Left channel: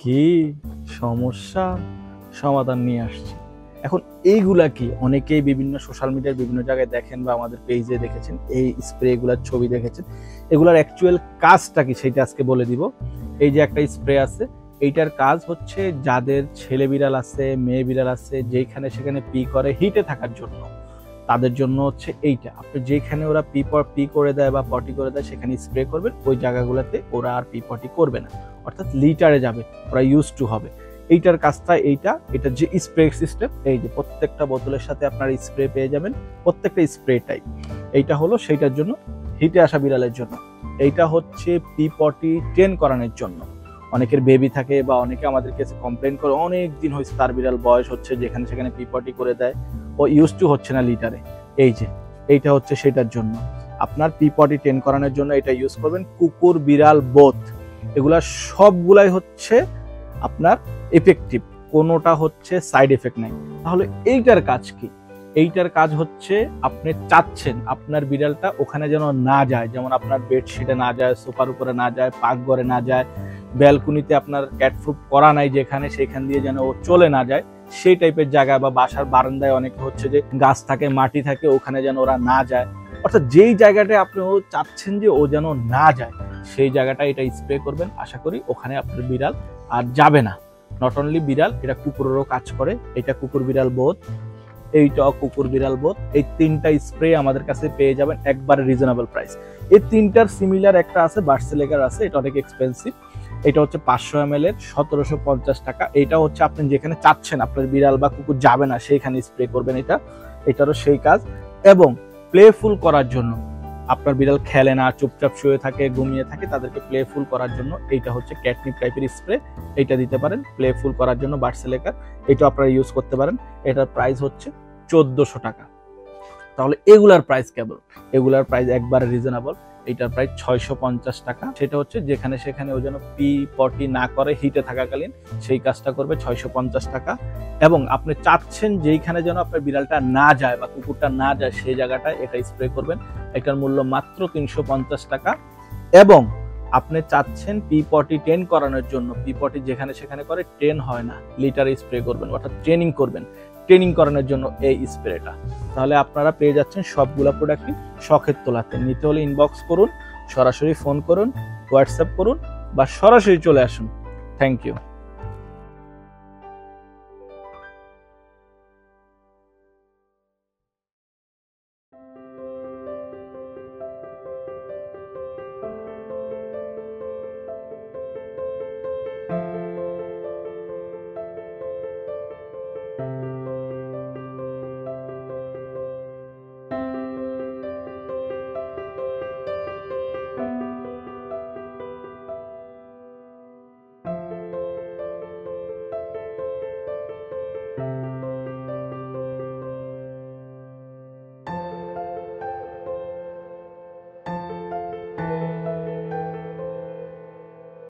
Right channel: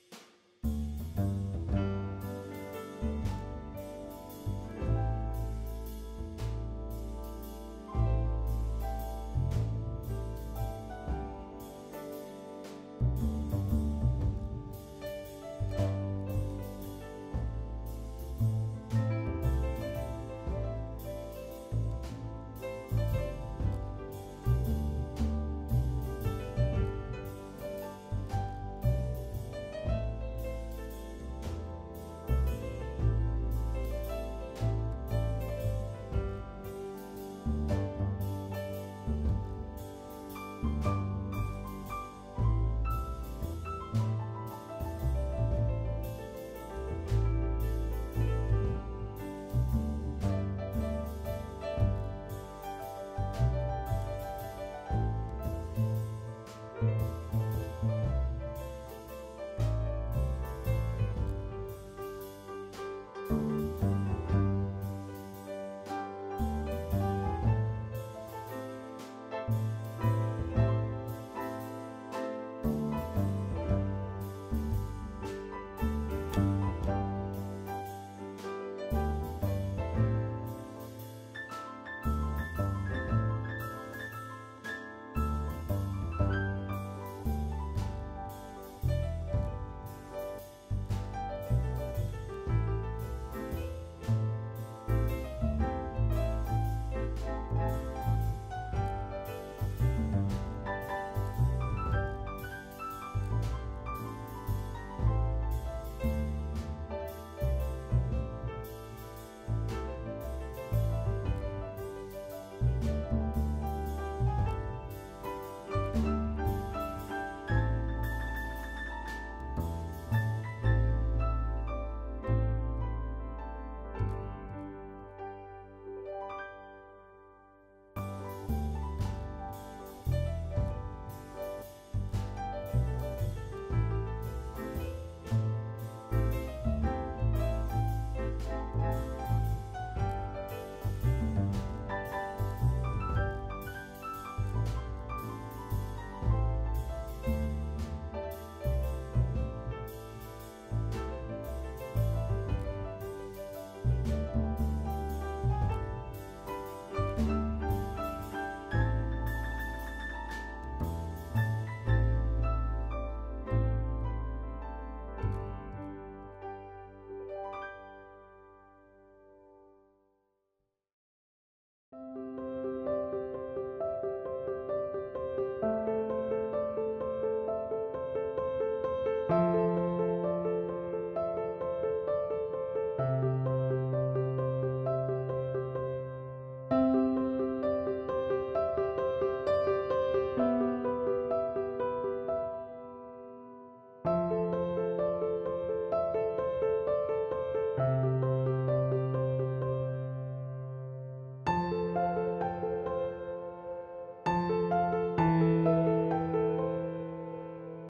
কি সমস্যা সমাধান নিয়ে আসছি। এখন এইগুলা কি অনেকেই বিভিন্ন সোশ্যাল মিডিয়ার বিভিন্ন জায়গায় দেখেন বা আমাদের পেজে দেখেছেন, এই স্প্রে গুলার ছবি দেখেছেন। এগুলার অ্যাকচুয়াল কাজটা কি সেটা আজকে বলে দিব। এই যে একটা স্প্রে আছে, এইটার কাজ হচ্ছে যাদের ছেলে বিড়াল আছে, মেয়ে বিড়াল আছে, যেখানে সেখানে পি করে হিটে থাকার জন্য, তাদের জন্য হচ্ছে এইটা। আপনি যেখানে ওরা পি করে দেয় বা পটি করে দেয় সেখানে স্প্রে করবেন, ওই জায়গাগুলোতে ওরা আর পি পটি করবে না, অর্থাৎ লিটারে যাবে, ওরা ইউজ টু হবে। এইটার কাজটা এটা যে স্প্রে সিস্টেম, এই যে প্রত্যেকটা বোতলের সাথে আপনার স্প্রে পেয়ে যাবেন, প্রত্যেকটা স্প্রেটাই এইটা হলো সেইটার জন্য, হিটে আসা বিড়ালের জন্য। এইটা হচ্ছে পি পটি ট্রেন করানোর জন্য। অনেকের বেবি থাকে বা অনেকে আমাদের কাছে কমপ্লেন করে অনেক দিন হয়েছে তার বিড়াল বয়স হচ্ছে, যেখানে সেখানে পি পটি করে দেয়, ও ইউজ টু হচ্ছে না লিটারে। এই যে এইটা হচ্ছে সেটার জন্য, আপনার পি পটি ট্রেন করানোর জন্য এটা ইউজ করবেন। কুকুর বিড়াল বোথ, এগুলা সবগুলাই হচ্ছে আপনার এফেক্টিভ, কোনোটা হচ্ছে সাইড এফেক্ট নাই। তাহলে এইটার কাজ কি? এইটার কাজ হচ্ছে আপনি চাচ্ছেন আপনার বিড়ালটা ওখানে যেন না যায়, যেমন আপনার বেডশিটে না যায়, সোফার উপরে না যায়, পাকঘরে না যায়, ব্যালকনিতে আপনার ক্যাট প্রুফ করা নাই যেখানে, সেখান দিয়ে যেন ও চলে না যায়, সেই টাইপের জায়গায় বা বাসার বারান্দায় অনেকে হচ্ছে যে গাছ থাকে, মাটি থাকে, ওখানে যেন ওরা না যায়। অর্থাৎ যেই জায়গাটায় আপনি ও চাচ্ছেন যে ও যেন না যায়, সেই জায়গাটা এটা স্প্রে করবেন। আশা করি ওখানে আপনার বিড়াল আর যাবে না। নট অনলি বিড়াল, এটা কুকুরেরও কাজ করে। এটা কুকুর বিড়াল বোধ, এইটা কুকুর বিড়াল বোধ, এই তিনটা স্প্রে আমাদের কাছে পেয়ে যাবেন একবারে রিজনেবল প্রাইস। এই তিনটার সিমিলার একটা আছে, বার্সেলেগার আছে, এটা অনেক এক্সপেন্সিভ। এটা হচ্ছে 500 ml এর 1750 টাকা। এটা হচ্ছে আপনি যেখানে চাচ্ছেন আপনার বিড়াল বা কুকুর যাবে না সেইখানে স্প্রে করবেন এটা, এটারও সেই কাজ। এবং প্লেফুল করার জন্য, আপনার বিড়াল খেলে না, চুপচাপ শুয়ে থাকে, ঘুমিয়ে থাকে, তাদেরকে প্লেফুল করার জন্য এইটা হচ্ছে ক্যাটনিপ টাইপের স্প্রে, এইটা দিতে পারেন প্লেফুল করার জন্য, বার্সেলেগার। এটা আপনারা ইউজ করতে পারেন। এটার প্রাইস হচ্ছে 1400 টাকা। তাহলে এগুলার প্রাইস কেবল, এগুলার প্রাইস একবারে রিজনেবল। এটার প্রাইস 650 টাকা। সেটা হচ্ছে যেখানে সেখানে ও যেন পি পটি না করে হিটে থাকাকালীন, সেই কাজটা করবে 650 টাকা। এবং আপনি চাচ্ছেন যেইখানে যেন আপনার বিড়ালটা না যায় বা কুকুরটা না যায়, সেই জায়গাটায় এটা স্প্রে করবেন। এটার মূল্য মাত্র 350 টাকা। এবং আপনি চাচ্ছেন পি পটি ট্রেন করানোর জন্য, পি পটি যেখানে সেখানে করে, ট্রেন হয় না, লিটারে স্প্রে করবেন, অর্থাৎ ট্রেনিং করবেন, ট্রেনিং করানোর জন্য এই স্প্রেটা। তাহলে আপনারা পেয়ে যাচ্ছেন সবগুলা প্রোডাক্টই শখের তোলাতে। নিতে হলে ইনবক্স করুন, সরাসরি ফোন করুন, হোয়াটসঅ্যাপ করুন, বা সরাসরি চলে আসুন। Thank you.